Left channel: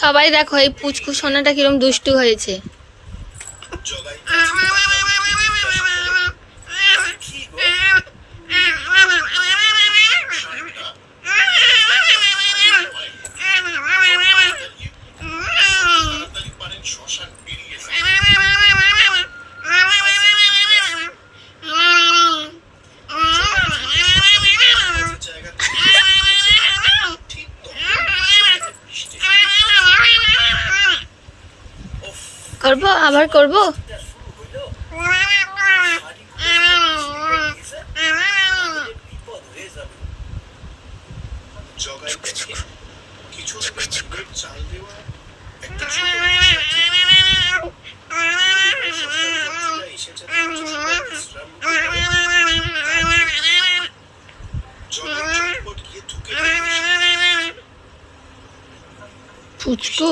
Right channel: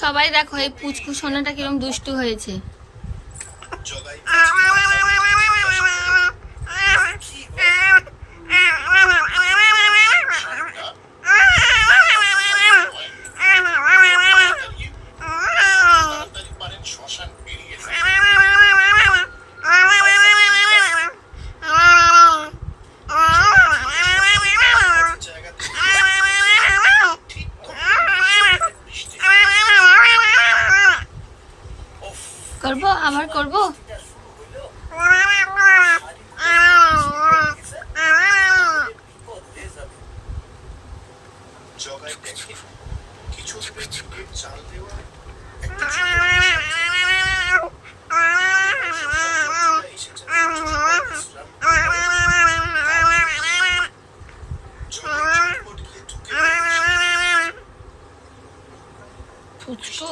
সবাই দেখো এই পুচকু সোনাটা কিরম দুষ্টু হয়েছে। করবো, আবার করবো। পুচকু